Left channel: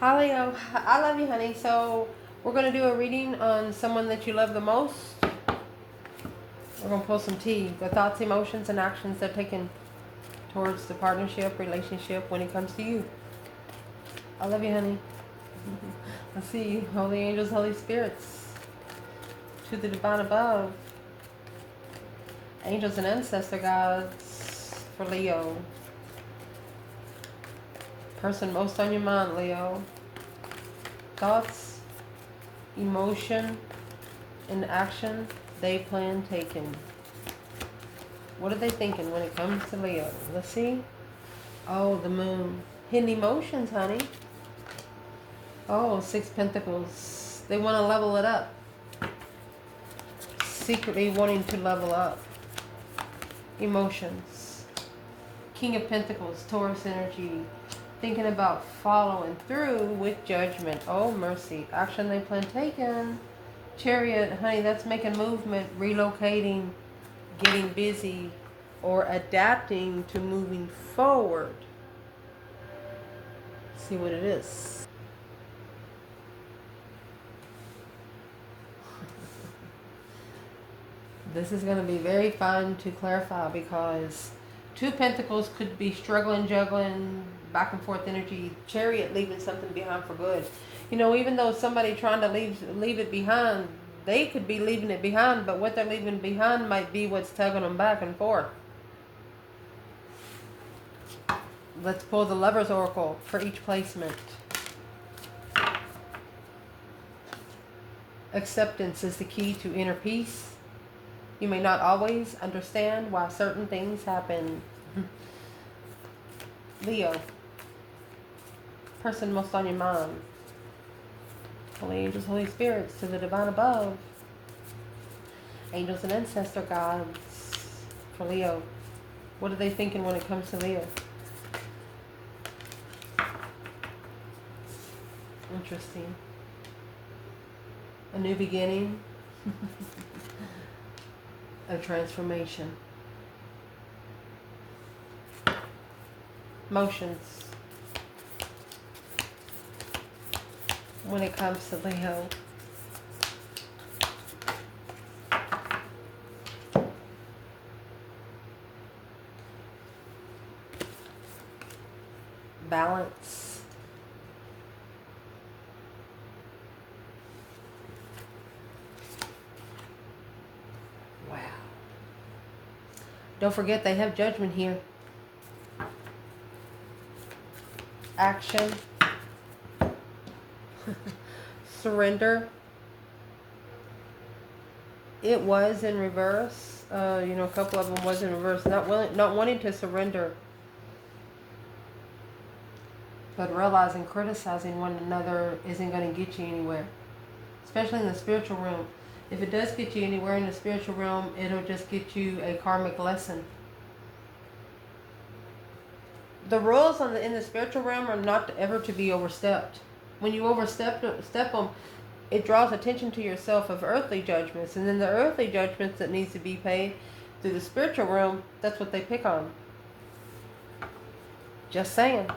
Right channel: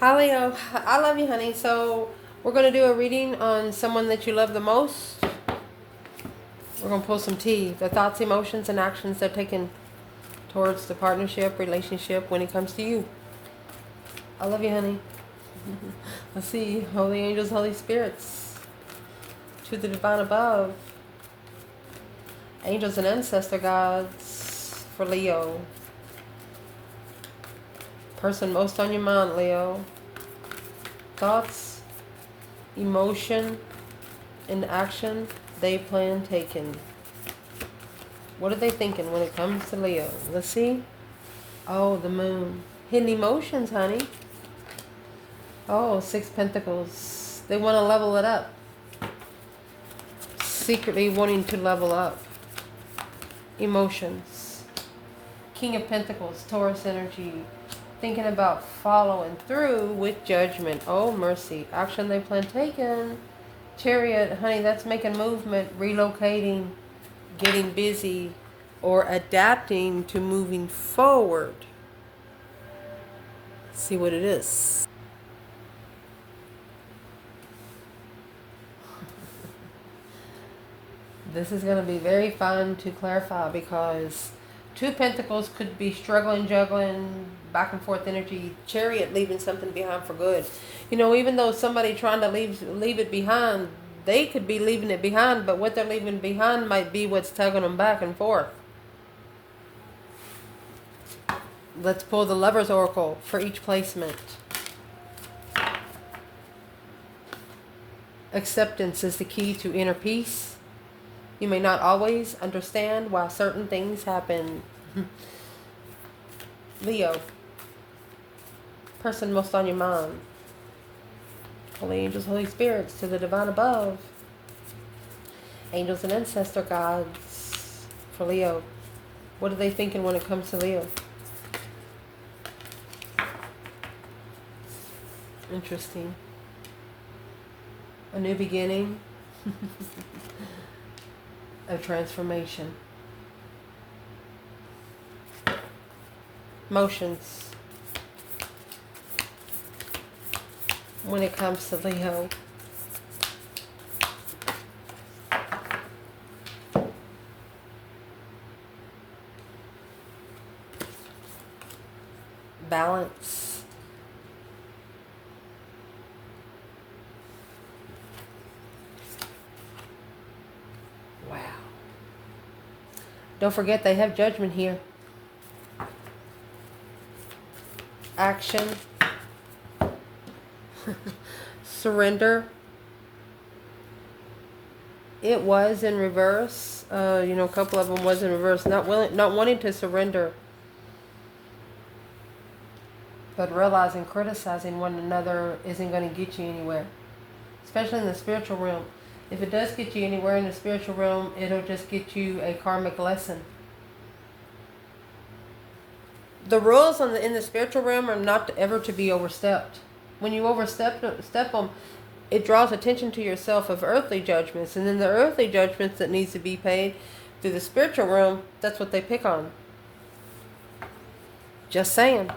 Hi Leo, I love you, honey. So we're gonna do a reading on someone that you love the most. We're gonna pull some tea. The thoughts, emotions, and actions they're taking towards the partnership, relationship when it comes to you. I love you, honey. Let's see, holy angels, holy spirits, to the divine above, angels and ancestor gods for Leo. Person most on your mind, Leo. Thoughts, emotion, and action they plan taking. What are they thinking when it comes to Leo? Let's see. Oh, the moon. Hidden emotions, honey. Oh, Six Pentacles. They want to level it up. Secretly wanting to level up. Emotions. King of Pentacles, Taurus energy. Thinking about following through with judgment. Oh, mercy. Action they plan taken. Chariot, honey, that's making movement, relocating, getting busy, or adapting to moving forward. Let's see what it is. This is going to be very fun to clarify because Two Pentacles could be struggling, juggling, back and forth energy. Chariot leaving something behind for good. You know, even though somebody trying to leave it behind, they could be leaving it behind, but what they're leaving behind might be what's tugging them back and forth. Let's pull the Lover's Oracle for each placement. Acceptance is the key to inner peace. You may not always understand why certain things happen. Leo. Person most on your mind. Holy angels, holy spirits, to the divine above. Angels and ancestor gods for Leo. What are they thinking when it comes to Leo? Interesting. A new beginning. A transformation. Emotions. When it comes to Leo. Balance. Wow. Don't forget they have judgment here. Action. Surrender. It was in reverse. A couple of them was in reverse. Not wanting to surrender. But realizing criticizing one another isn't going to get you anywhere. Especially in the spiritual realm. If it does get you anywhere in the spiritual realm, it'll just get you a karmic lesson. The rules in the spiritual realm are not ever to be overstepped. When you overstep them, it draws attention to yourself of earthly judgments. And then the earthly judgments that needs to be paid through the spiritual realm, that's what they pick on. Just saying.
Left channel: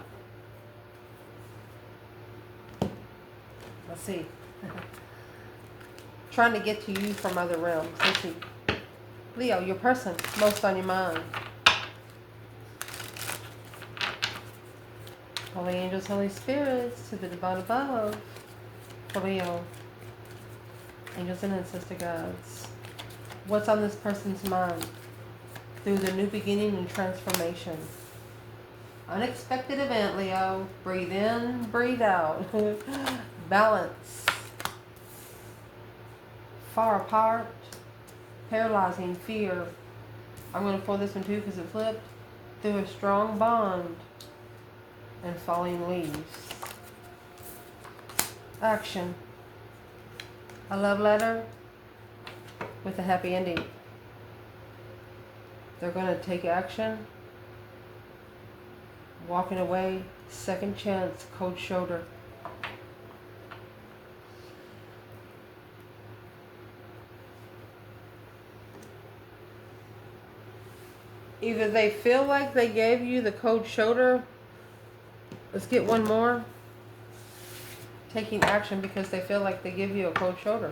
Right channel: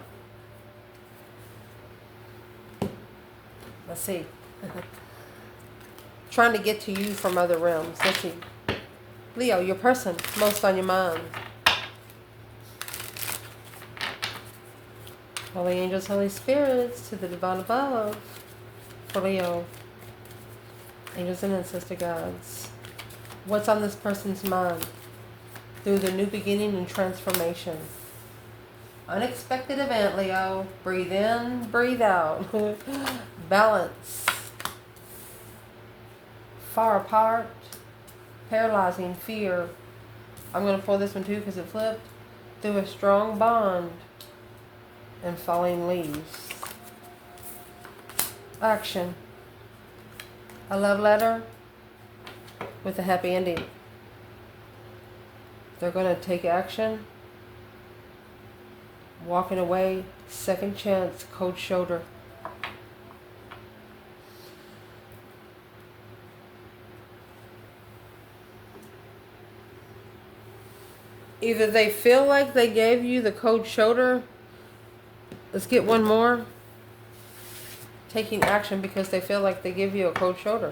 Let's see. Trying to get to you from other realms. Let's see. Leo, your person, most on your mind. Holy angels, holy spirits, to the divine above. For Leo. Angels and ancestor gods. What's on this person's mind? Through the new beginning and transformation. Unexpected event, Leo. Breathe in, breathe out. Balance. Far apart. Paralyzing fear. I'm going to pull this one too because it flipped. Through a strong bond. And falling leaves. Action. A love letter with a happy ending. They're going to take action. Walking away. Second chance. Cold shoulder. Either they feel like they gave you the cold shoulder. Let's get one more. taking action because they feel like they give you a cold shoulder.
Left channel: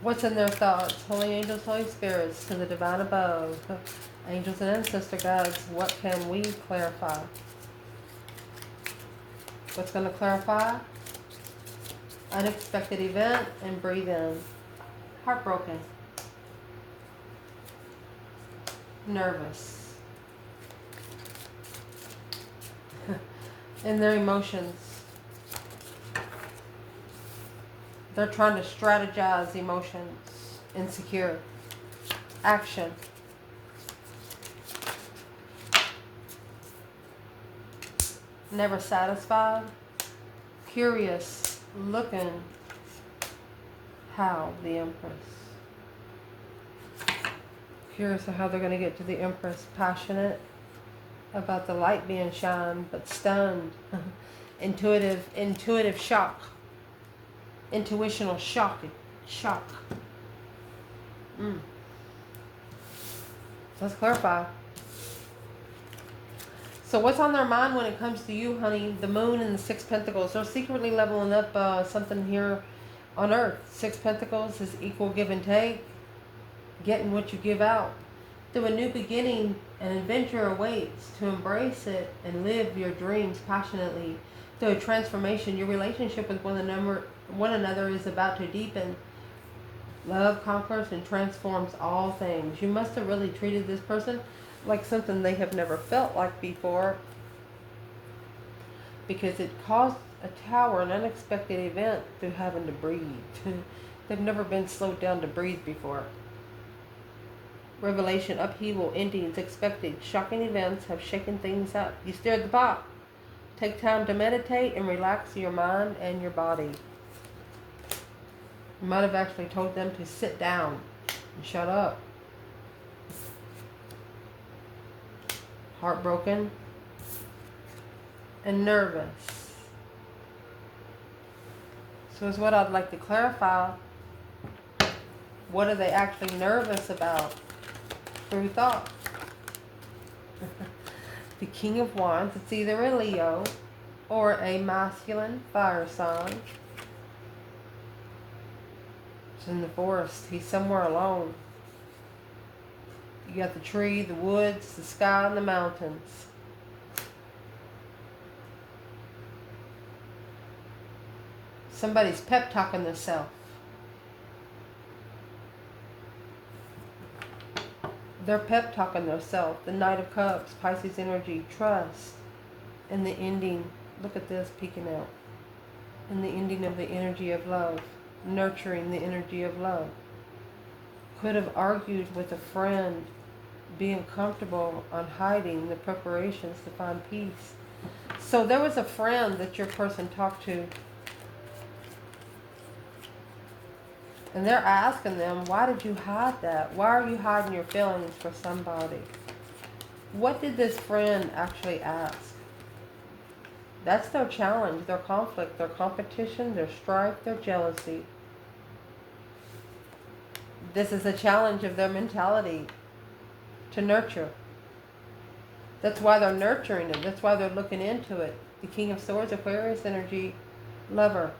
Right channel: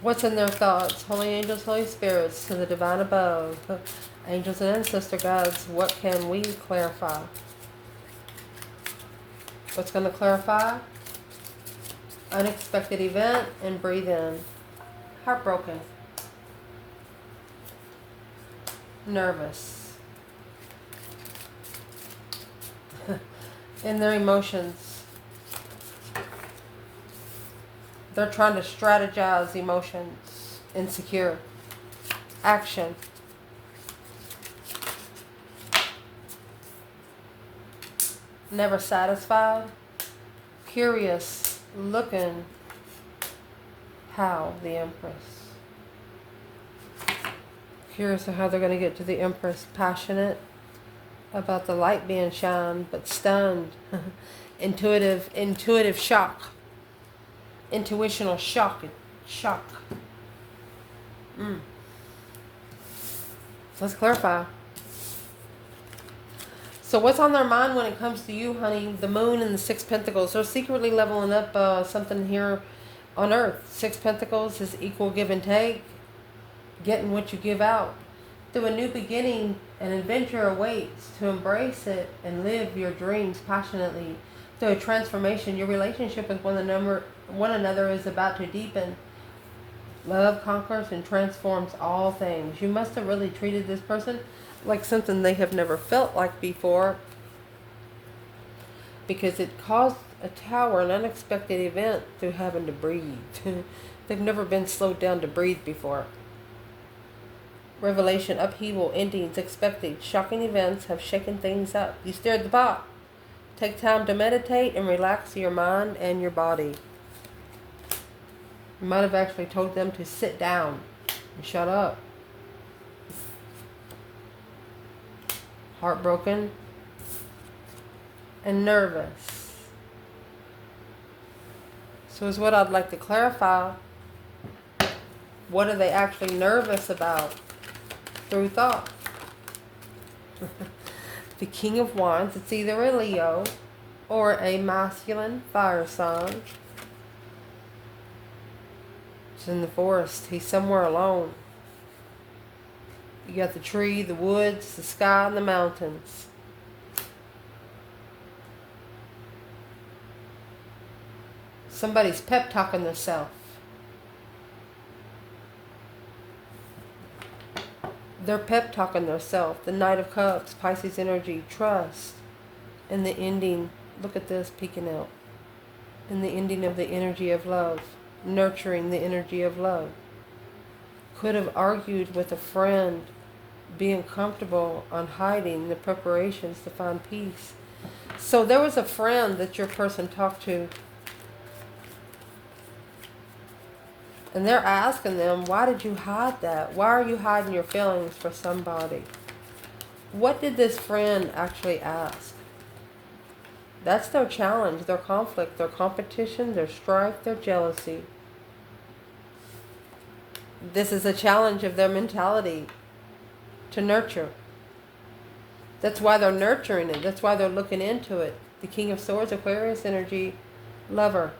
What's in their thoughts? Holy angels, Holy spirits, to the divine above, angels and ancestor guides, what can we clarify? What's going to clarify? Unexpected event, and breathe in. Heartbroken. Nervous. In their emotions. They're trying to strategize emotions. Insecure. Action. Never satisfied. Curious. Looking. How? The Empress. Curious of how they're going to get to the Empress. Passionate about the light being shined, but stunned. Intuitive shock. Intuitional shock. Let's clarify. So what's on their mind when it comes to you, honey? The Moon and the Six Pentacles. They're secretly leveling up something here on Earth. Six Pentacles is equal give and take. Getting what you give out. Through a new beginning, an adventure awaits. To embrace it and live your dreams passionately. Through a transformation, your relationship with one another is about to deepen. Love conquers and transforms all things. You must have really treated this person like something they have never felt like before, because it caused a tower an unexpected event through having to breathe. They've never been slowed down to breathe before. Revelation, upheaval, endings, expected. Shocking events have shaken things up. You stirred the pot. Take time to meditate and relax your mind and your body. You might have actually told them to sit down and shut up. Heartbroken and nervous. So is what I'd like to clarify. What are they actually nervous about through thought? The King of Wands. It's either a Leo or a masculine fire sign. It's in the forest. He's somewhere alone. You got the tree, the woods, the sky, and the mountains. Somebody's pep talking themselves. They're pep talking themselves. The Knight of Cups, Pisces energy, trust, and the ending. Look at this peeking out. And the ending of the energy of love. Nurturing the energy of love. Could have argued with a friend, being comfortable on hiding the preparations to find peace. So there was a friend that your person talked to, and they're asking them, why did you hide that? Why are you hiding your feelings for somebody? What did this friend actually ask? That's their challenge, their conflict, their competition, their strife, their jealousy. This is a challenge of their mentality to nurture. That's why they're nurturing it. That's why they're looking into it. The King of Swords, Aquarius energy, lover.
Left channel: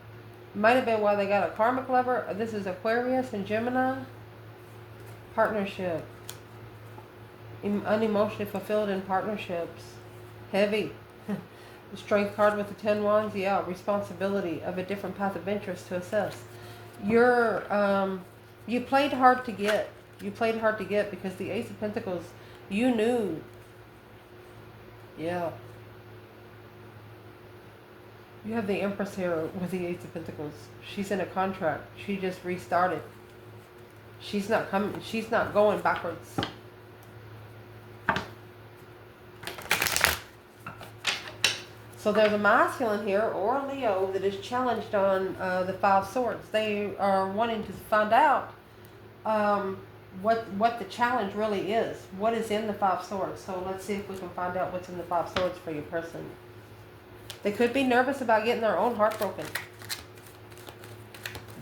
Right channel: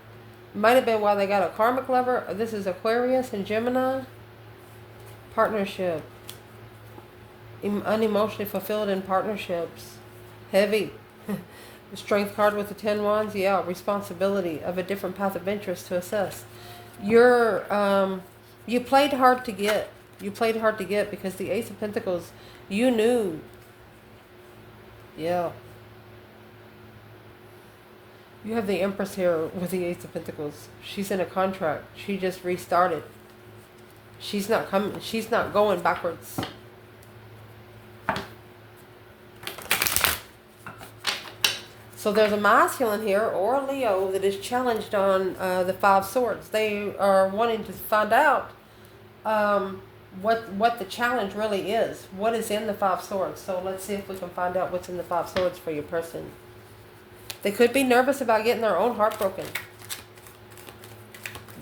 Might have been why they got a karmic lover. This is Aquarius and Gemini. Partnership. Unemotionally fulfilled in partnerships. Heavy. The Strength card with the 10 wands. Yeah, responsibility of a different path of interest to assess. You played hard to get. You played hard to get because the Ace of Pentacles, you knew. Yeah. You have the Empress here with the Ace of Pentacles. She's in a contract. She just restarted. She's not coming. She's not going backwards. So there's a masculine here or a Leo that is challenged on the 5 swords. They are wanting to find out what the challenge really is. What is in the 5 swords? So let's see if we can find out what's in the 5 swords for your person. They could be nervous about getting their own heart broken.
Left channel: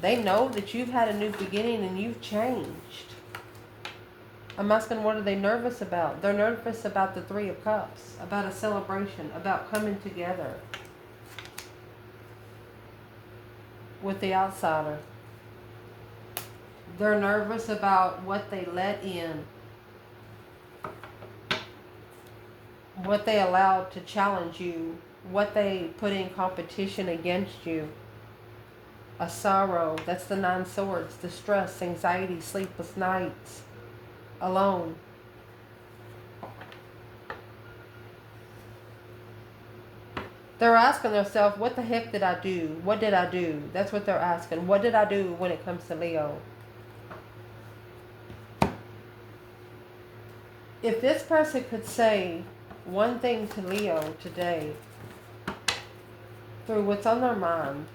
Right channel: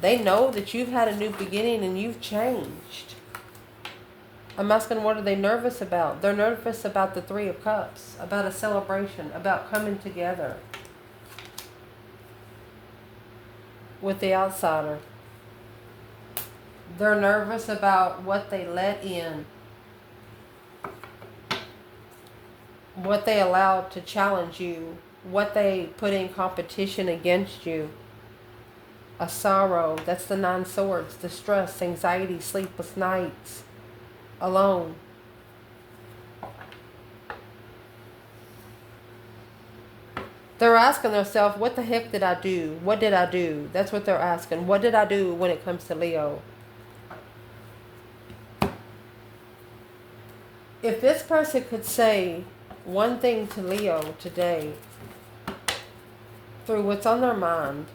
They know that you've had a new beginning and you've changed. I'm asking, what are they nervous about? They're nervous about the Three of Cups, about a celebration, about coming together with the outsider. They're nervous about what they let in, what they allow to challenge you, what they put in competition against you. A sorrow, that's the 9 swords, distress, anxiety, sleepless nights, alone. They're asking themselves, what the heck did I do? What did I do? That's what they're asking. What did I do when it comes to Leo? If this person could say one thing to Leo today, through what's on their mind,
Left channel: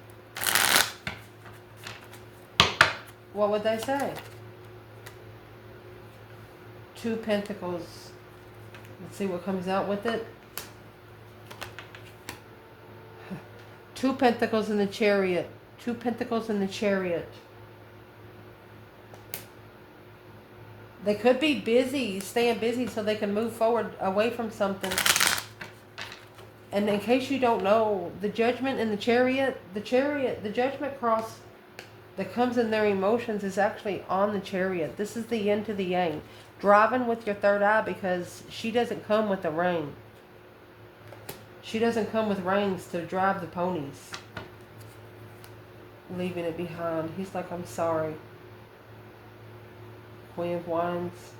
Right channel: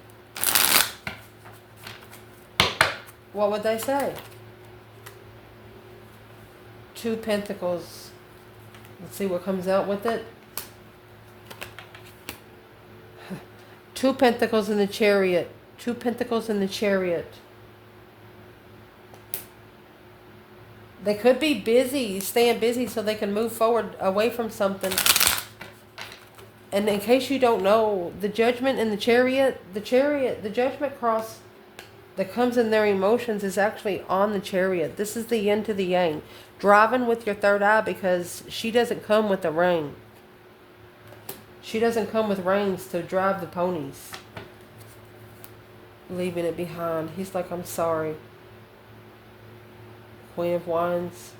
what would they say? 2 Pentacles. Let's see what comes out with it. 2 Pentacles in the Chariot. 2 Pentacles in the Chariot. They could be busy, staying busy so they can move forward away from something. And in case you don't know, the Judgment in the Chariot, the Judgment cross that comes in their emotions is actually on the Chariot. This is the yin to the yang. Driving with your third eye, because she doesn't come with the rein. She doesn't come with reins to drive the ponies. Leaving it behind. He's like, I'm sorry. Queen of Wands.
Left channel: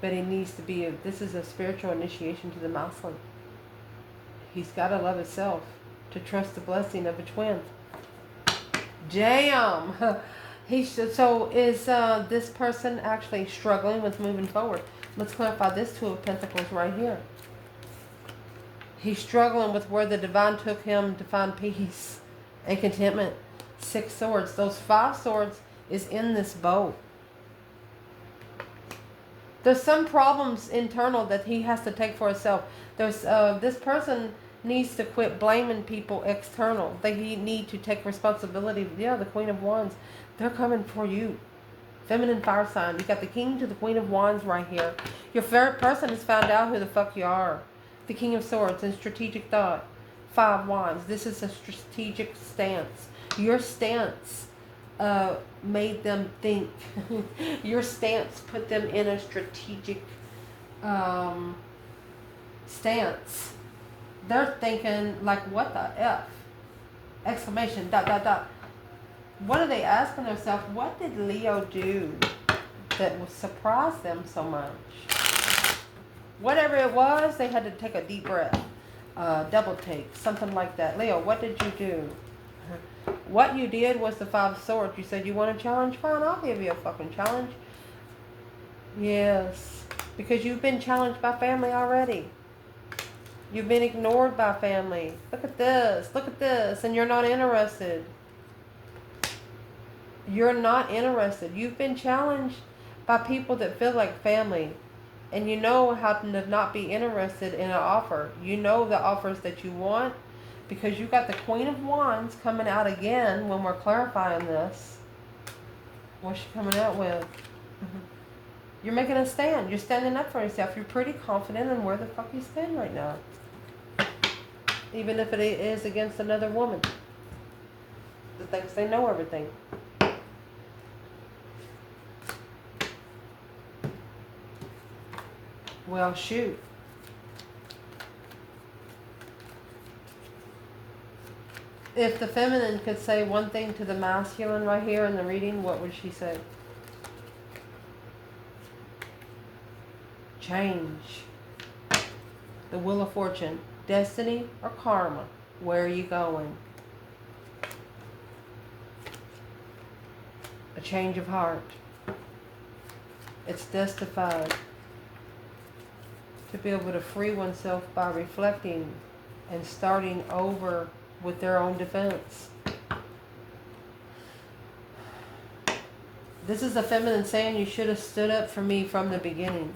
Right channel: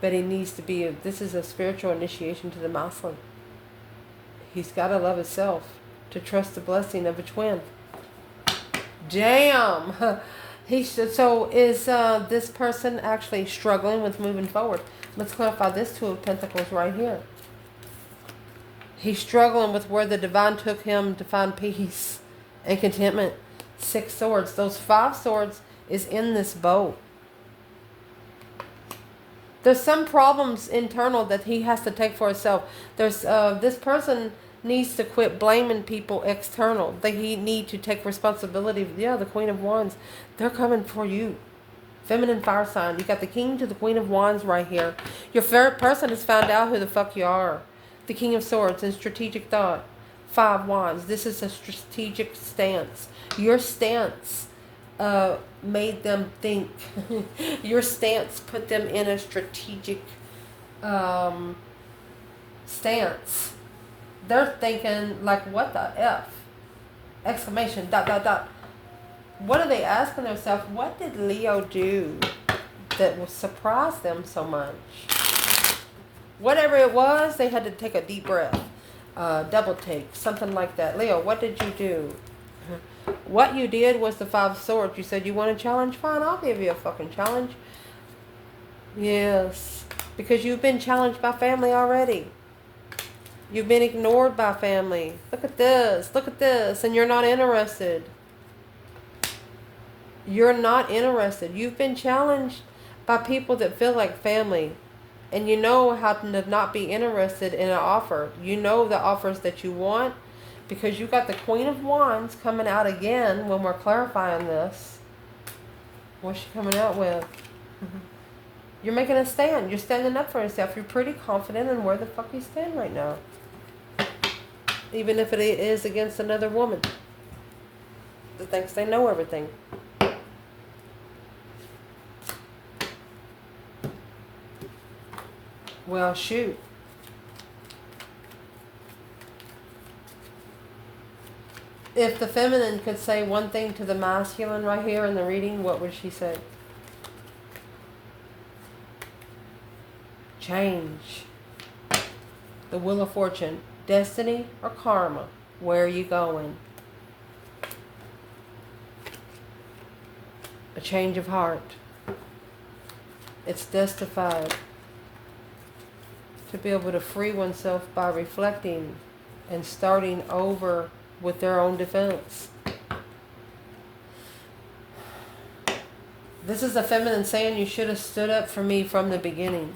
But he needs to be, this is a spiritual initiation to the masculine. He's got to love himself to trust the blessing of a twin. Damn. So is this person actually struggling with moving forward? Let's clarify this 2 of Pentacles right here. He's struggling with where the divine took him to find peace and contentment. 6 swords. Those 5 swords is in this boat. There's some problems internal that he has to take for himself. There's this person needs to quit blaming people external. They need to take responsibility. Yeah, the Queen of Wands. They're coming for you. Feminine fire sign. You got the King to the Queen of Wands right here. Your favorite person has found out who the fuck you are. The King of Swords and strategic thought. 5 Wands. This is a strategic stance. Your stance made them think. Your stance put them in a strategic stance. They're thinking like, what the F? Exclamation, ... What are they asking themselves? What did Leo do that will surprise them so much? Whatever it was, they had to take a deep breath. Double take, something like that. Leo, what did you do? What you did was the 5 swords. You said you want a challenge? Fine, I'll give you a fucking challenge. Yes, because you've been challenged by family already. You've been ignored by family. Look at this, and you're not interested. You're not interested. You've been challenged by people that feel like family. And you know how to not be interested in an offer. You know the offers that you want, because you got the Queen of Wands coming out again when we're clarifying this. What's she coming out with? You're making a stand. You're standing up for yourself. You're pretty confident in where the fuck you stand right now. Even if it is against another woman that thinks they know everything. Well, shoot. If the feminine could say one thing to the masculine right here in the reading, what would she say? Change. The Wheel of Fortune. Destiny or karma? Where are you going? A change of heart. It's justified to be able to free oneself by reflecting and starting over with their own defense. This is the feminine saying, you should have stood up for me from the beginning.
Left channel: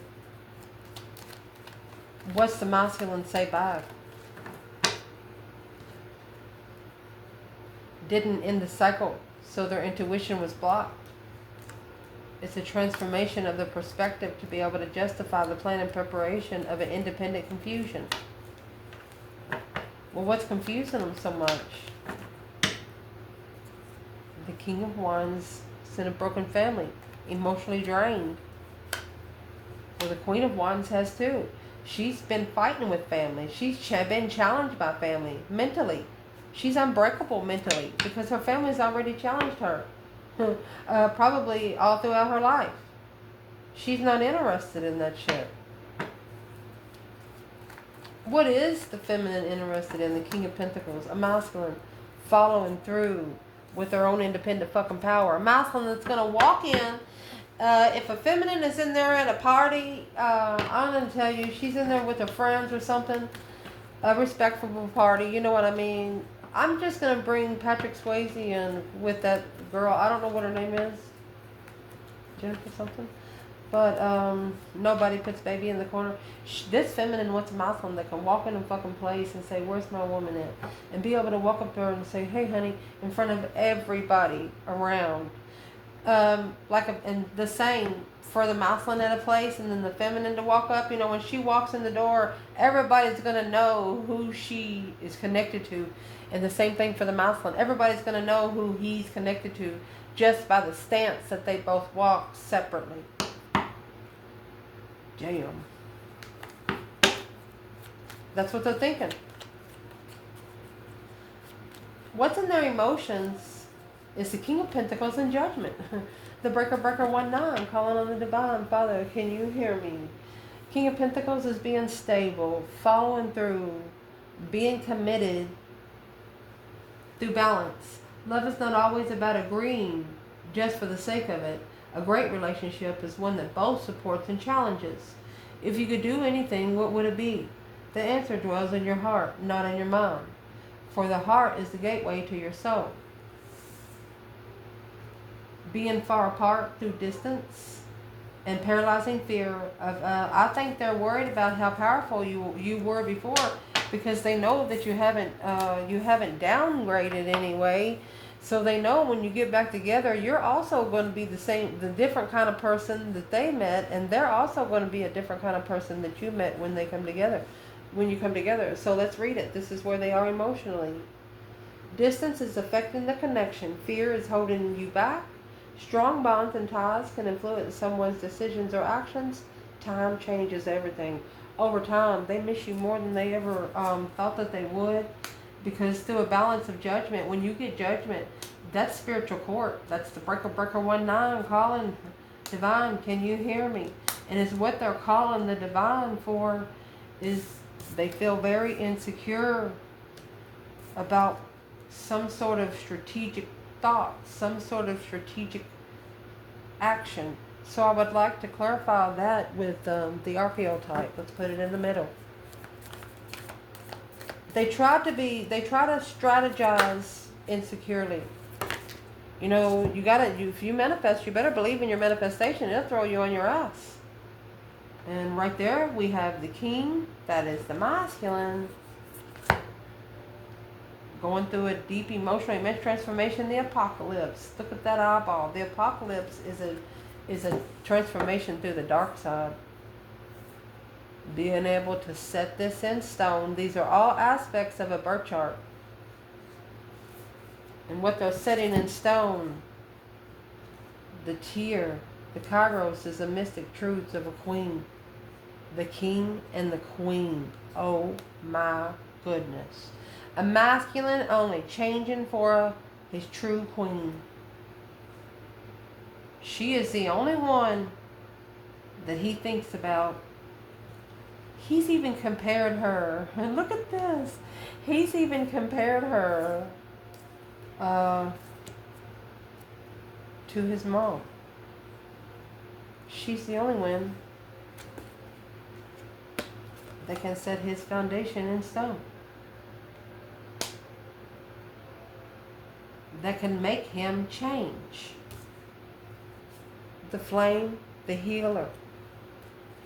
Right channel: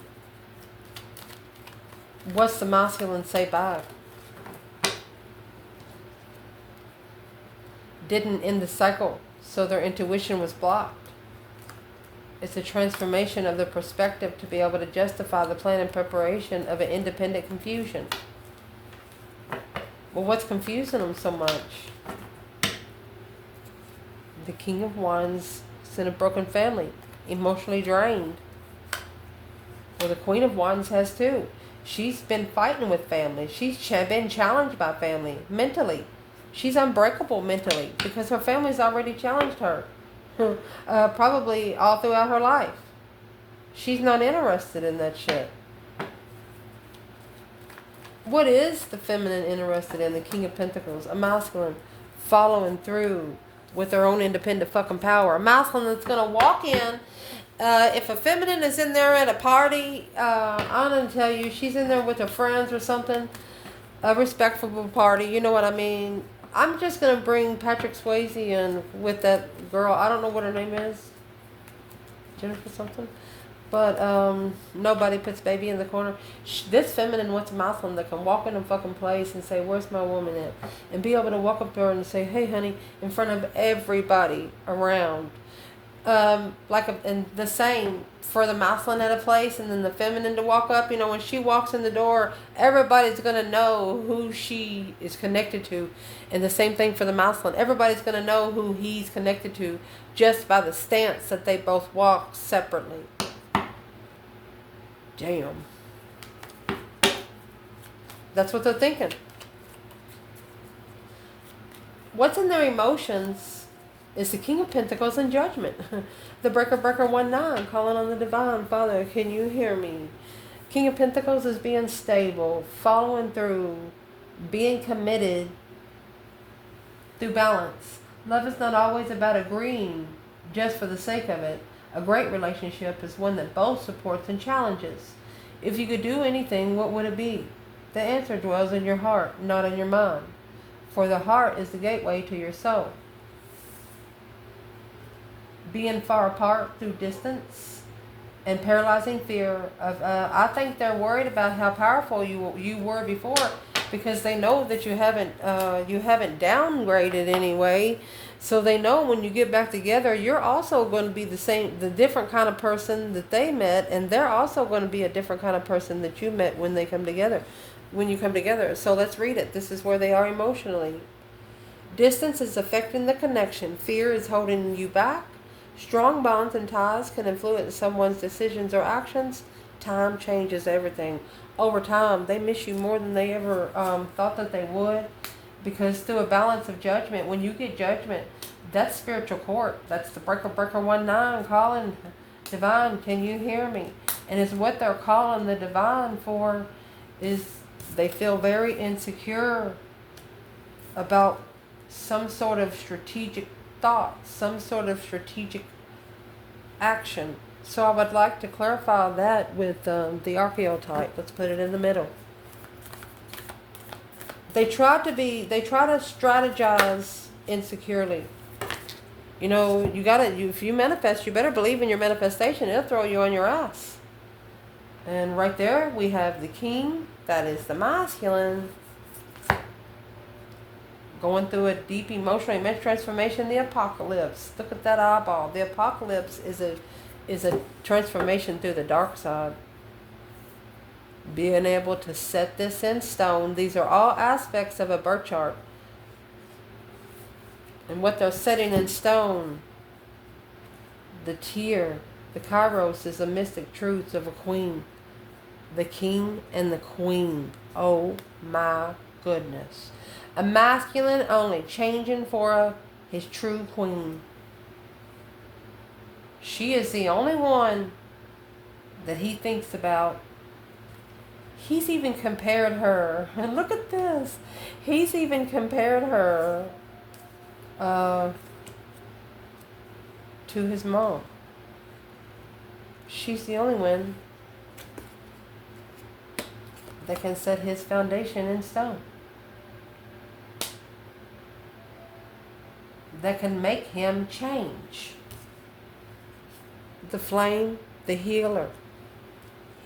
What's the masculine say back? Didn't end the cycle, so their intuition was blocked. It's a transformation of the perspective to be able to justify the plan and preparation of an independent confusion. Well, what's confusing them so much? The King of Wands is in a broken family, emotionally drained. Well, the Queen of Wands has too. She's been fighting with family. She's been challenged by family mentally. She's unbreakable mentally because her family's already challenged her. Probably all throughout her life. She's not interested in that shit. What is the feminine interested in? The King of Pentacles. A masculine following through with their own independent fucking power. A masculine that's going to walk in. If a feminine is in there at a party, I'm going to tell you, she's in there with her friends or something. A respectable party, you know what I mean? I'm just going to bring Patrick Swayze in with that girl. I don't know what her name is. Jennifer something. But nobody puts baby in the corner. This feminine wants a masculine that can walk in a fucking place and say, where's my woman at? And be able to walk up there and say, hey, honey, in front of everybody around. And the same for the masculine at a place, and then the feminine to walk up. You know, when she walks in the door, everybody's going to know who she is connected to. And the same thing for the masculine. Everybody's going to know who he's connected to just by the stance that they both walk separately. Damn. That's what they're thinking. What's in their emotions is the King of Pentacles and Judgment. The Breaker 1-9, calling on the Divine. Father, can you hear me? King of Pentacles is being stable, following through, being committed through balance. Love is not always about agreeing just for the sake of it. A great relationship is one that both supports and challenges. If you could do anything, what would it be? The answer dwells in your heart, not in your mind. For the heart is the gateway to your soul. Being far apart through distance and paralyzing fear of, I think they're worried about how powerful you were before, because they know that you haven't downgraded anyway. So they know when you get back together, you're also going to be the different kind of person that they met, and they're also going to be a different kind of person that you met when they come together, when you come together. So let's read it. This is where they are emotionally. Distance is affecting the connection. Fear is holding you back. Strong bonds and ties can influence someone's decisions or actions. Time changes everything. Over time, they miss you more than they ever thought that they would. Because through a balance of judgment, when you get judgment, that's spiritual court. That's the Breaker 1-9 calling Divine, can you hear me? And it's what they're calling the Divine for, is they feel very insecure about some sort of strategic thought, some sort of strategic action. So I would like to clarify that with the archetype. Let's put it in the middle. They try to strategize insecurely. You know, if you manifest, you better believe in your manifestation. It'll throw you on your ass. And right there we have the King, that is the masculine, going through a deep emotional immense transformation. The apocalypse. Look at that eyeball. The apocalypse is a transformation through the dark side. Being able to set this in stone. These are all aspects of a birth chart. And what they're setting in stone, the tear, the kairos, is the mystic truths of a queen. The king and the queen. Oh my goodness. A masculine only changing for his true queen. She is the only one that he thinks about. He's even compared her, and look at this, he's even compared her to his mom. She's the only one that can set his foundation in stone. That can make him change. The flame, the healer.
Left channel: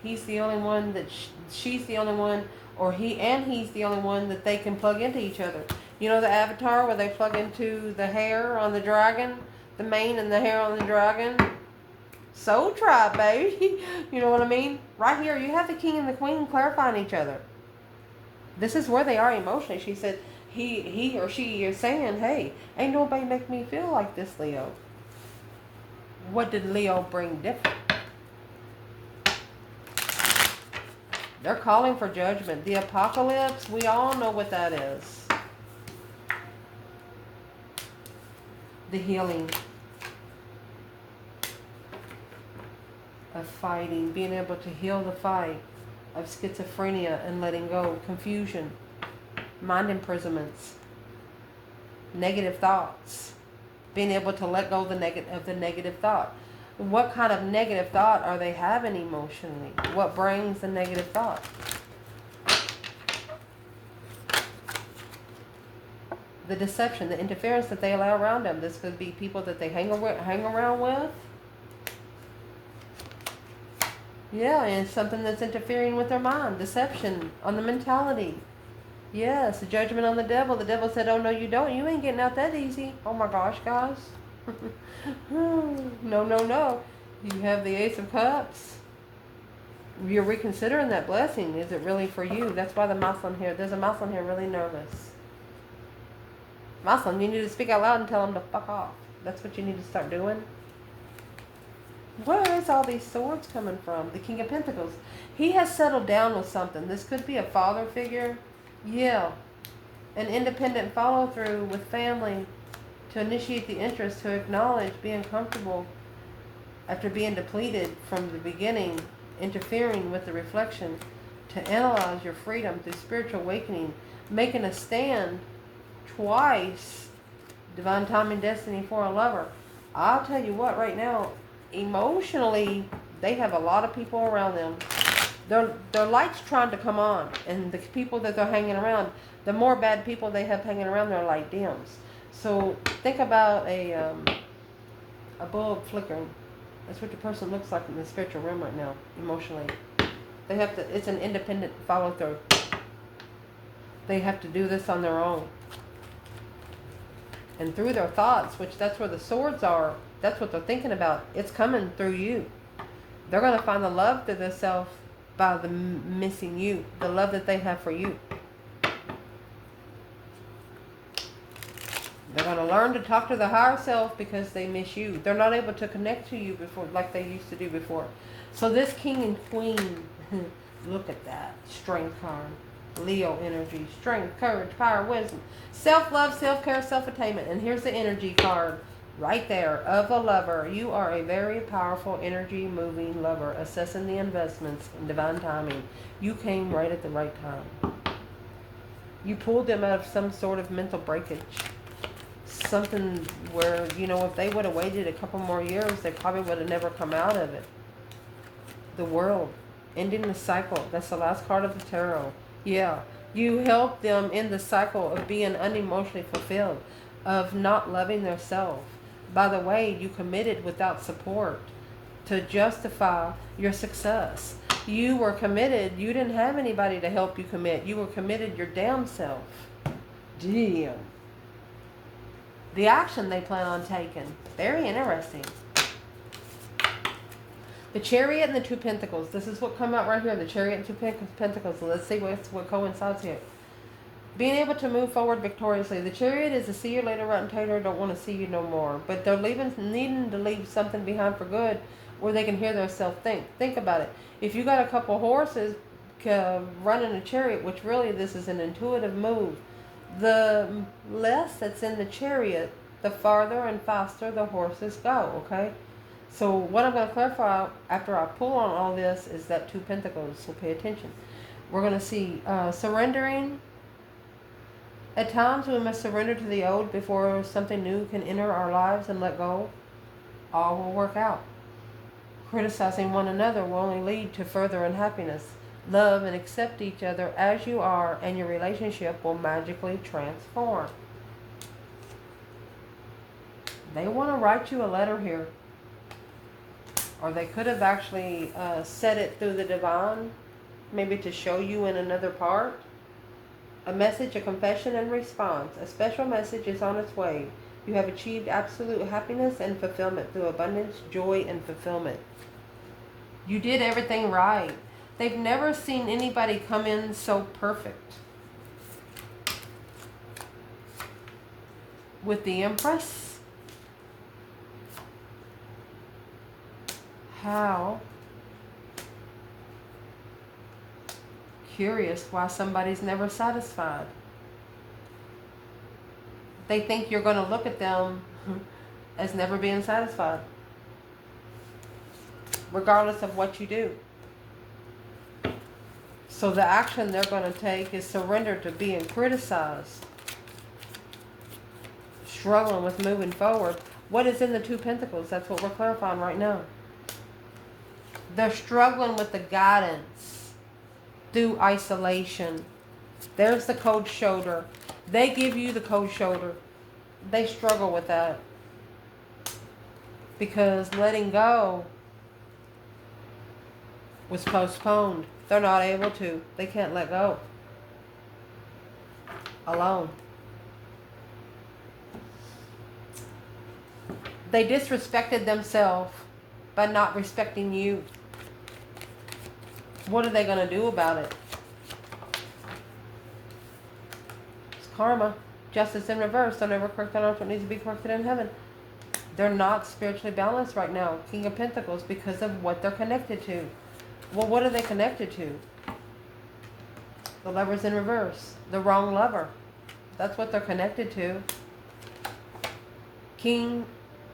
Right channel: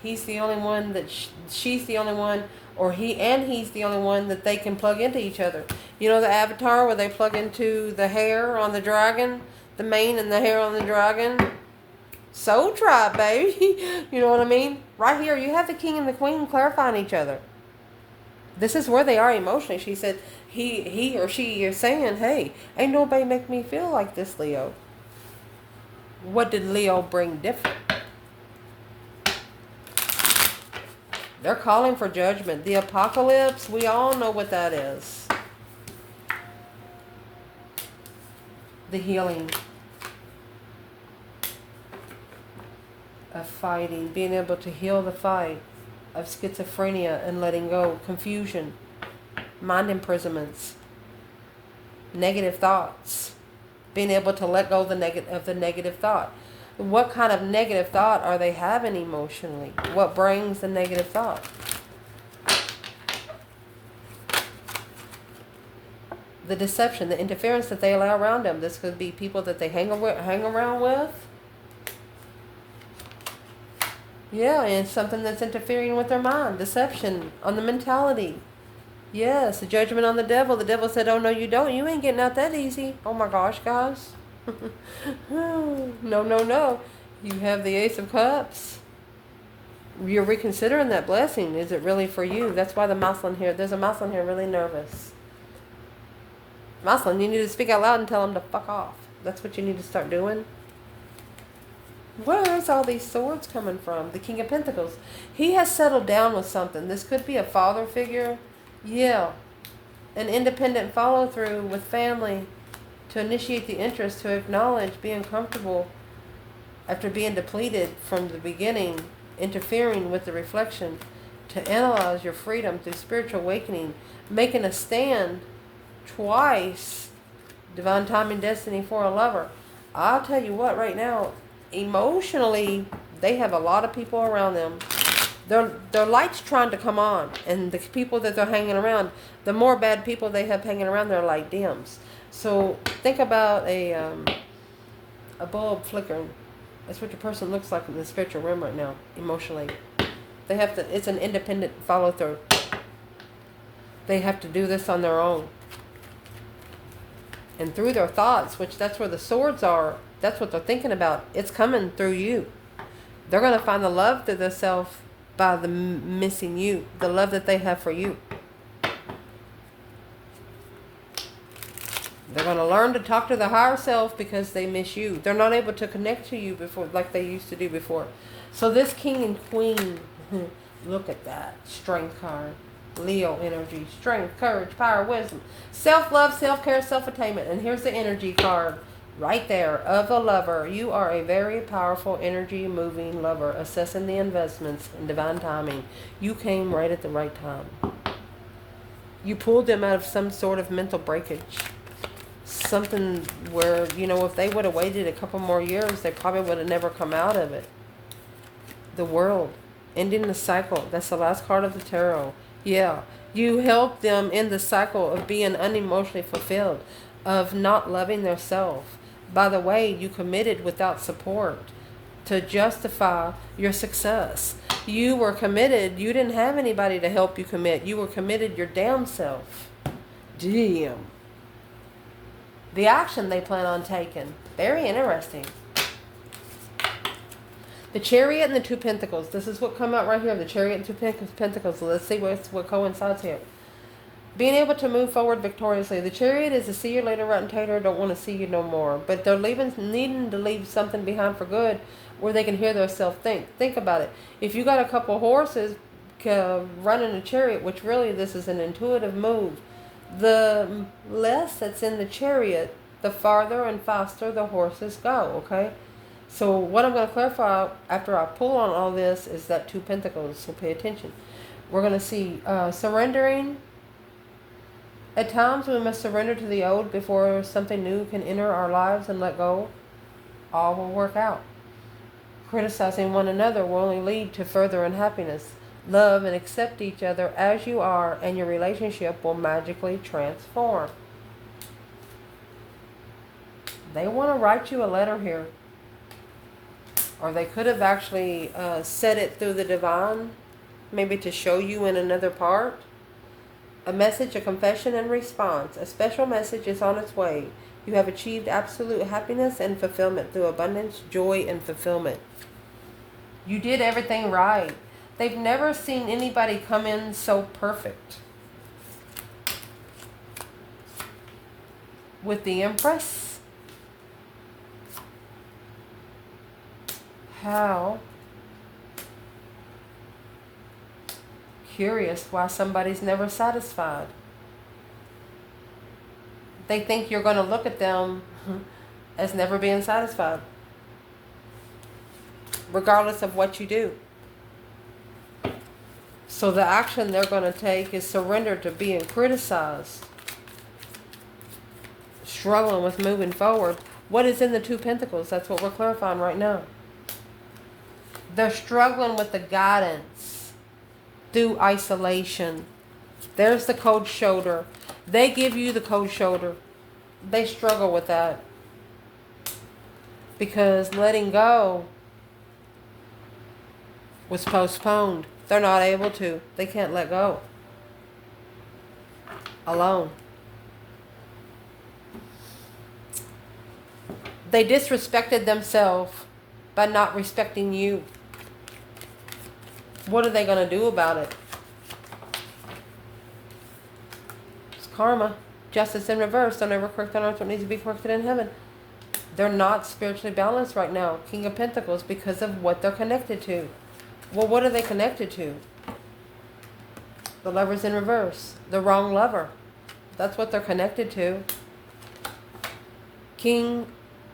He's the only one that she's the only one, or he's the only one that they can plug into each other. You know the Avatar where they plug into the hair on the dragon, the mane and the hair on the dragon? Soul tribe, baby. You know what I mean? Right here, you have the king and the queen clarifying each other. This is where they are emotionally. She said, he or she is saying, hey, ain't nobody make me feel like this, Leo. What did Leo bring different? They're calling for judgment. The apocalypse, we all know what that is. The healing of fighting, being able to heal the fight of schizophrenia and letting go, confusion, mind imprisonments, negative thoughts, being able to let go of the negative thought. What kind of negative thought are they having emotionally? What brings the negative thought? The deception, the interference that they allow around them. This could be people that they hang around with. Yeah, and something that's interfering with their mind. Deception on the mentality. Yes, the judgment on the devil. The devil said, oh, no, you don't. You ain't getting out that easy. Oh, my gosh, guys. No, no, no. You have the Ace of Cups. You're reconsidering that blessing. Is it really for you? That's why the mouse on here. There's a mouse on here really nervous. Mouse, you need to speak out loud and tell them to fuck off. That's what you need to start doing. Where is all these swords coming from? The King of Pentacles. He has settled down with something. This could be a father figure. Yeah. An independent follow through with family to initiate the interest, to acknowledge being comfortable after being depleted from the beginning, interfering with the reflection, to analyze your freedom through spiritual awakening, making a stand twice, divine time and destiny for a lover. I'll tell you what, right now, emotionally, they have a lot of people around them. Their light's trying to come on, and the people that they're hanging around, the more bad people they have hanging around, their light dims. So think about a bulb flickering. That's what your person looks like in the spiritual realm right now, emotionally. They have to. It's an independent follow through. They have to do this on their own, and through their thoughts, which that's where the swords are. That's what they're thinking about. It's coming through you. They're going to find the love through themselves by the missing you, the love that they have for you. They're going to learn to talk to their higher self because they miss you. They're not able to connect to you before like they used to do before. So this king and queen, look at that. Strength card. Leo energy. Strength, courage, power, wisdom. Self-love, self-care, self-attainment. And here's the energy card. Right there, of a lover. You are a very powerful energy moving lover, assessing the investments in divine timing. You came right at the right time. You pulled them out of some sort of mental breakage. Something where, you know, if they would have waited a couple more years, they probably would have never come out of it. The world, ending the cycle. That's the last card of the tarot. Yeah, you helped them in the cycle of being unemotionally fulfilled, of not loving their self. By the way, you committed without support to justify your success. You were committed. You didn't have anybody to help you commit. You were committed your damn self. Damn. The action they plan on taking. Very interesting. The Chariot and the Two Pentacles. This is what come out right here. The Chariot and Two Pentacles. So let's see what coincides here. Being able to move forward victoriously. The Chariot is a see you later, rotten tater, don't want to see you no more. But they're needing to leave something behind for good where they can hear themselves think. Think about it. If you got a couple horses running a chariot, which really this is an intuitive move, the less that's in the chariot, the farther and faster the horses go, okay? So what I'm going to clarify after I pull on all this is that Two Pentacles, so pay attention. We're going to see surrendering. At times we must surrender to the old before something new can enter our lives and let go. All will work out. Criticizing one another will only lead to further unhappiness. Love and accept each other as you are, and your relationship will magically transform. They want to write you a letter here. Or they could have actually said it through the divine, maybe to show you in another part. A message, a confession, and response. A special message is on its way. You have achieved absolute happiness and fulfillment through abundance, joy, and fulfillment. You did everything right. They've never seen anybody come in so perfect. With the Empress, how curious why somebody's never satisfied. They think you're going to look at them as never being satisfied, regardless of what you do. So the action they're going to take is surrender to being criticized, struggling with moving forward. What is in the Two Pentacles? That's what we're clarifying right now. They're struggling with the guidance through isolation. There's the cold shoulder. They give you the cold shoulder. They struggle with that. Because letting go was postponed. They're not able to. They can't let go. Alone. They disrespected themselves by not respecting you. What are they going to do about it? It's karma. Justice in reverse. Don't ever correct on earth what needs to be corrected in heaven. They're not spiritually balanced right now. King of Pentacles, because of what they're connected to. Well, what are they connected to? The Lover's in reverse. The wrong lover. That's what they're connected to. King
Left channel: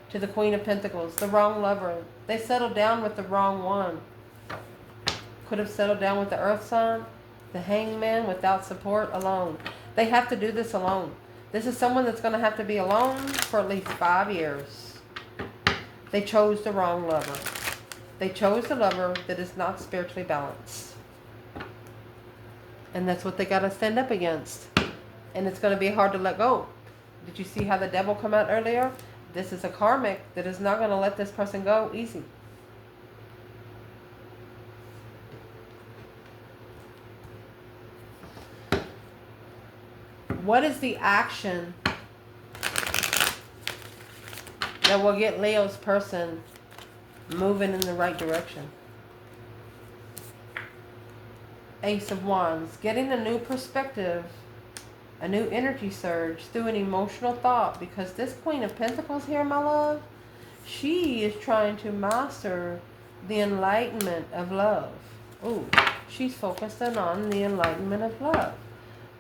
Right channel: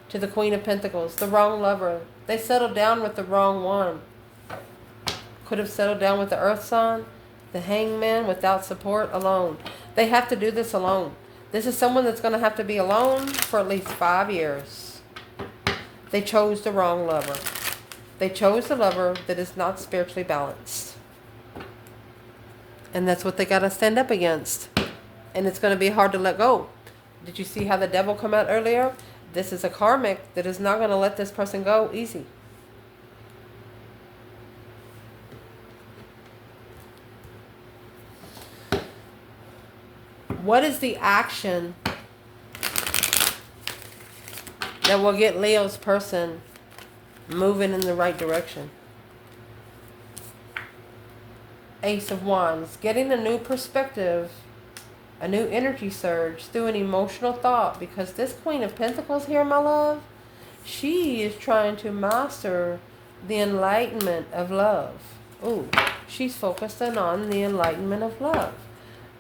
to the Queen of Pentacles. The wrong lover. They settled down with the wrong one. Could have settled down with the Earth sign. The Hangman, without support, alone. They have to do this alone. This is someone that's going to have to be alone for at least 5 years. They chose the wrong lover. They chose the lover that is not spiritually balanced. And that's what they got to stand up against. And it's going to be hard to let go. Did you see how the devil come out earlier? This is a karmic that is not going to let this person go easy. What is the action that will get Leo's person moving in the right direction? Ace of Wands. Getting a new perspective, a new energy surge through an emotional thought. Because this Queen of Pentacles here, my love, she is trying to master the enlightenment of love. Ooh, she's focusing on the enlightenment of love.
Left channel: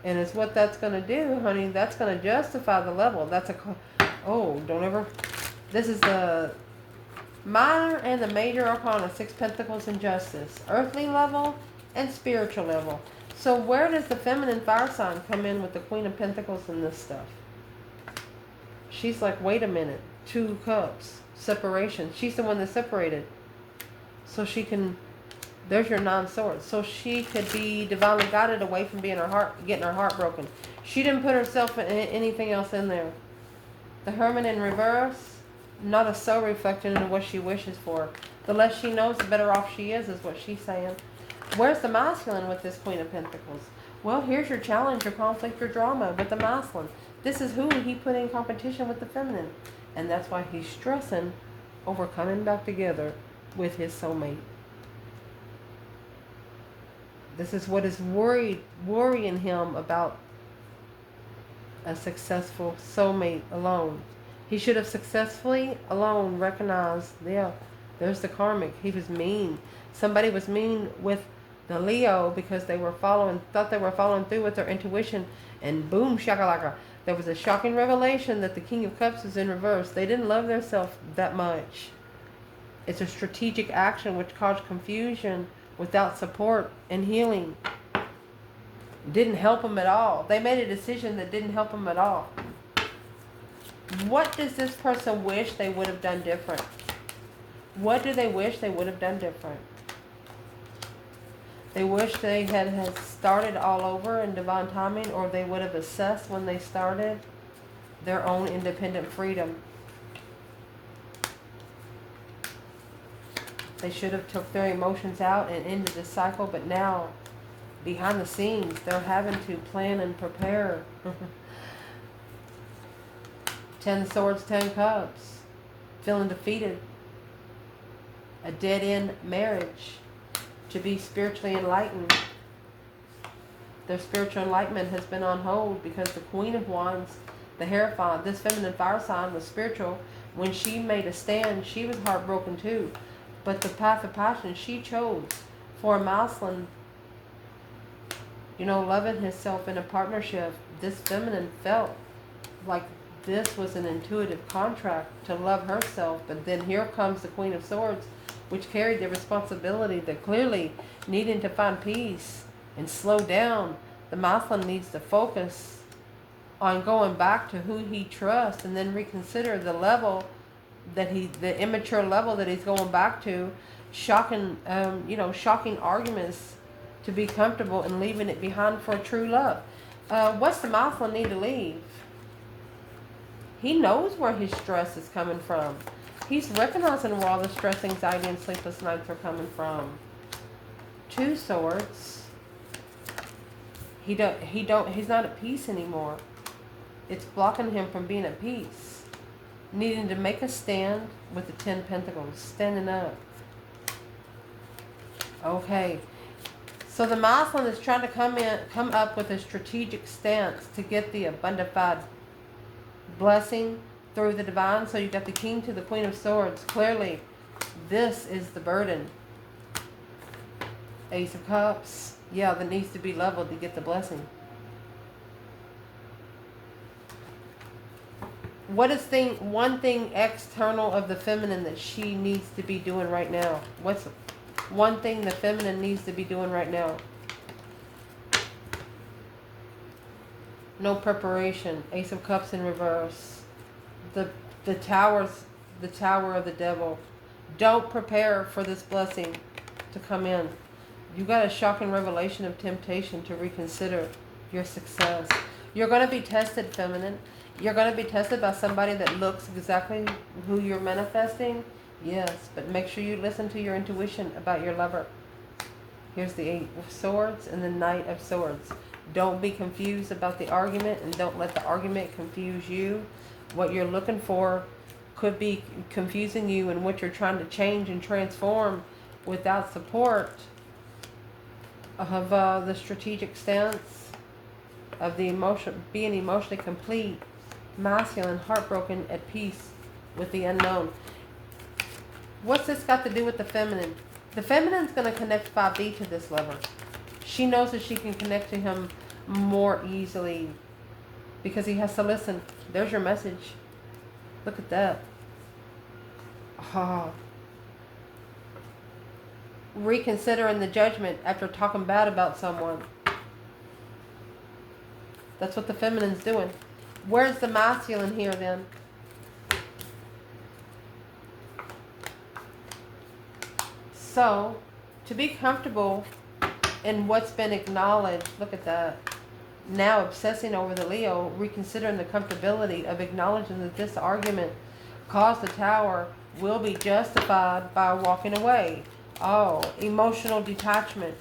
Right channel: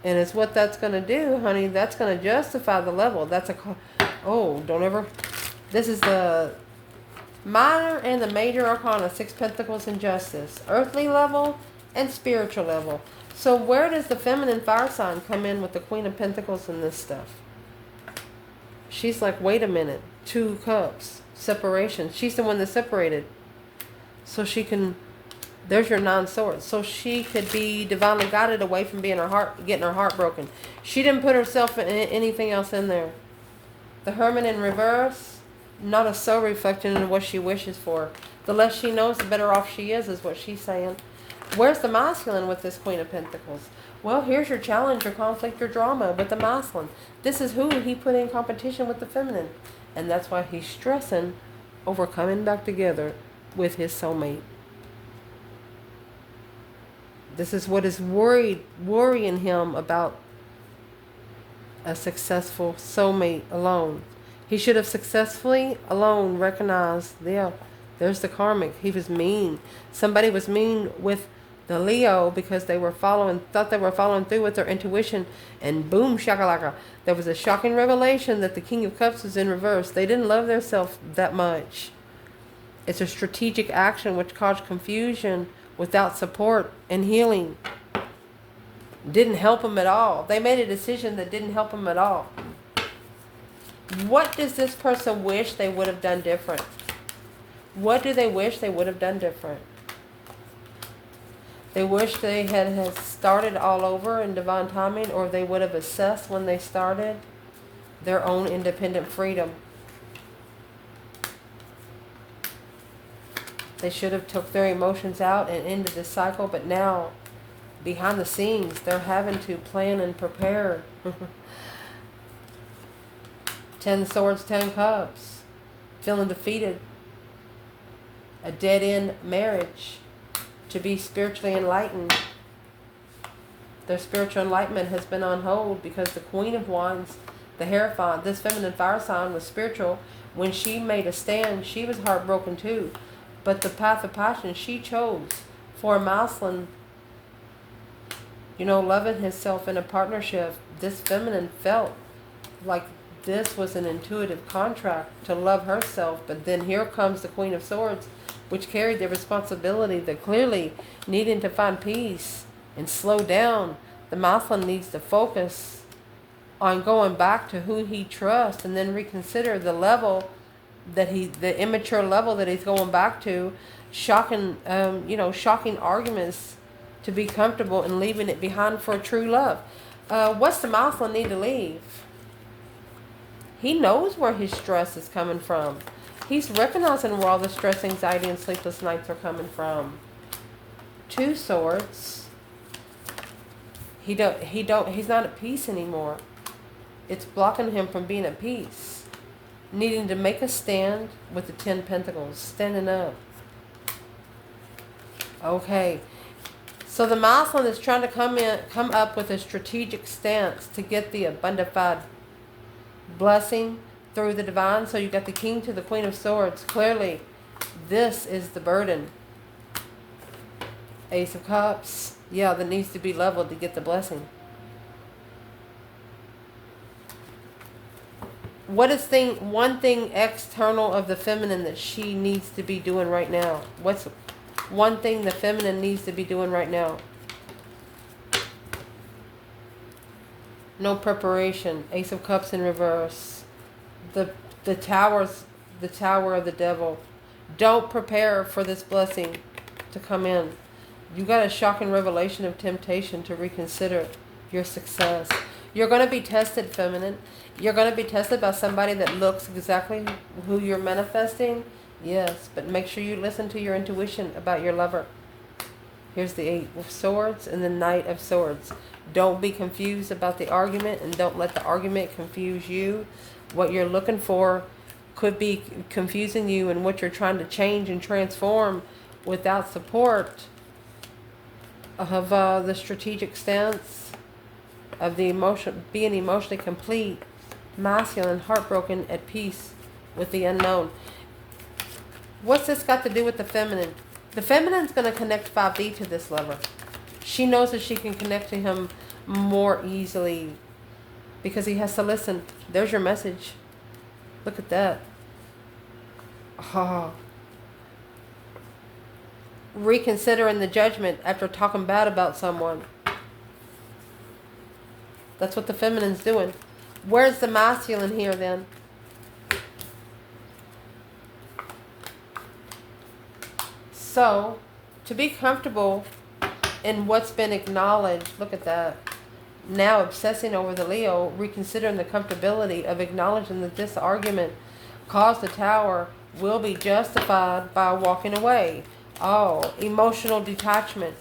And it's what that's going to do, honey. That's going to justify the level. That's a... Oh, don't ever... This is the minor and the major arcana. 6 Pentacles and Justice. Earthly level and spiritual level. So where does the feminine fire sign come in with the Queen of Pentacles and this stuff? She's like, wait a minute. 2 cups. Separation. She's the one that separated. So she can... There's your 9 swords. So she could be divinely guided away from being getting her heart broken. She didn't put herself in anything else in there. The Hermit in reverse, not a soul reflecting in what she wishes for. The less she knows, the better off she is what she's saying. Where's the masculine with this Queen of Pentacles? Well, here's your challenge, your conflict, your drama with the masculine. This is who he put in competition with the feminine. And that's why he's stressing over coming back together with his soulmate. This is what is worrying him about a successful soulmate alone. He should have successfully alone recognized, yeah, there's the karmic. He was mean. Somebody was mean with the Leo because they were thought they were following through with their intuition, and boom, shakalaka. There was a shocking revelation that the King of Cups was in reverse. They didn't love themselves that much. It's a strategic action which caused confusion without support and healing. Didn't help them at all. They made a decision that didn't help them at all. What does this person wish they would have done different? What do they wish they would have done different? They wish they had started all over in divine timing, or they would have assessed when they started their own independent freedom. They should have took their emotions out and ended the cycle, but now, behind the scenes, they're having to plan and prepare. 10 swords, 10 cups. Feeling defeated. A dead-end marriage. To be spiritually enlightened. Their spiritual enlightenment has been on hold because the Queen of Wands, the Hierophant, this feminine fire sign was spiritual. When she made a stand, she was heartbroken too. But the path of passion she chose for a masculine, loving himself in a partnership, this feminine felt like this was an intuitive contract to love herself. But then here comes the Queen of Swords, which carried the responsibility that clearly needing to find peace and slow down. The masculine needs to focus on going back to who he trusts and then reconsider the level that the immature level that he's going back to. Shocking arguments to be comfortable and leaving it behind for a true love. What's the masculine need to leave? He knows where his stress is coming from. He's recognizing where all the stress, anxiety, and sleepless nights are coming from. 2 swords. He's not at peace anymore. It's blocking him from being at peace. Needing to make a stand with the 10 pentacles. Standing up. Okay. So the masculine is trying to come up with a strategic stance to get the abundified blessing through the divine. So you got the King to the Queen of Swords. Clearly, this is the burden. Ace of Cups. Yeah, that needs to be leveled to get the blessing. What is one thing external of the feminine that she needs to be doing right now? What's one thing the feminine needs to be doing right now? No preparation. Ace of Cups in reverse. The Tower of the Devil. Don't prepare for this blessing to come in. You got a shocking revelation of temptation to reconsider your success. You're going to be tested, feminine. You're going to be tested by somebody that looks exactly who you're manifesting. Yes, but make sure you listen to your intuition about your lover. Here's the 8 of Swords and the Knight of Swords. Don't be confused about the argument, and don't let the argument confuse you. What you're looking for could be confusing you, and what you're trying to change and transform without support of the strategic stance of the emotion, being emotionally complete, masculine, heartbroken, at peace with the unknown. What's this got to do with the feminine? The feminine's going to connect 5D to this lover. She knows that she can connect to him more easily because he has to listen. There's your message. Look at that. Oh. Reconsidering the judgment after talking bad about someone. That's what the feminine's doing. Where's the masculine here then? So, to be comfortable in what's been acknowledged, look at that. Now obsessing over the Leo, reconsidering the comfortability of acknowledging that this argument caused the Tower will be justified by walking away. Oh, emotional detachment.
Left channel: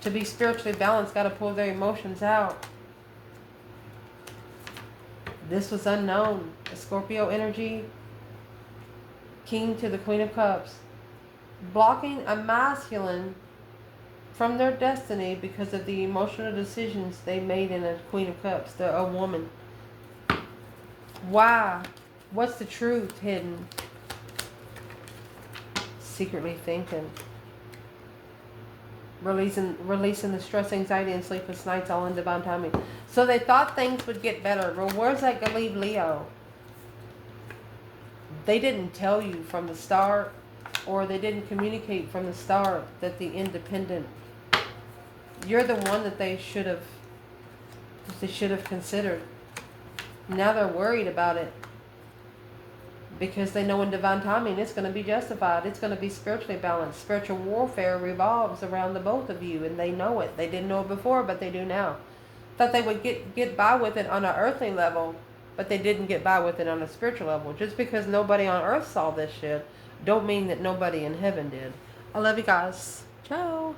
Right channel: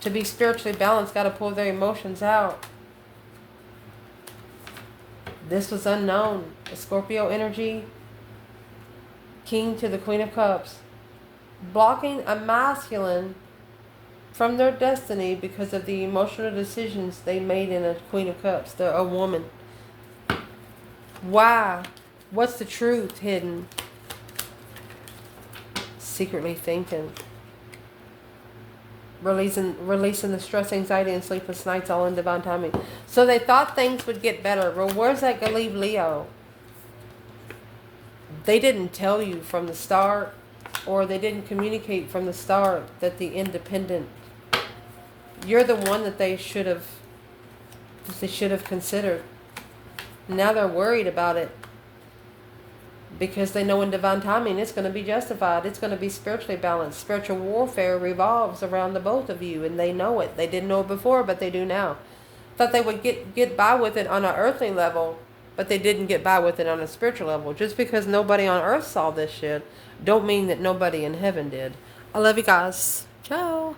To be spiritually balanced, got to pull their emotions out. This was unknown. A Scorpio energy. King to the Queen of Cups. Blocking a masculine from their destiny because of the emotional decisions they made in a Queen of Cups. They're a woman. Why? What's the truth hidden? Secretly thinking. Releasing the stress, anxiety, and sleepless nights all in divine timing. So they thought things would get better. Well, where's that going to leave Leo? They didn't tell you from the start, or they didn't communicate from the start that the independent, you're the one that they should have considered. Now they're worried about it because they know in divine timing it's going to be justified. It's going to be spiritually balanced. Spiritual warfare revolves around the both of you, and they know it. They didn't know it before, but they do now. Thought they would get by with it on an earthly level, but they didn't get by with it on a spiritual level. Just because nobody on earth saw this shit don't mean that nobody in heaven did. I love you guys. Ciao.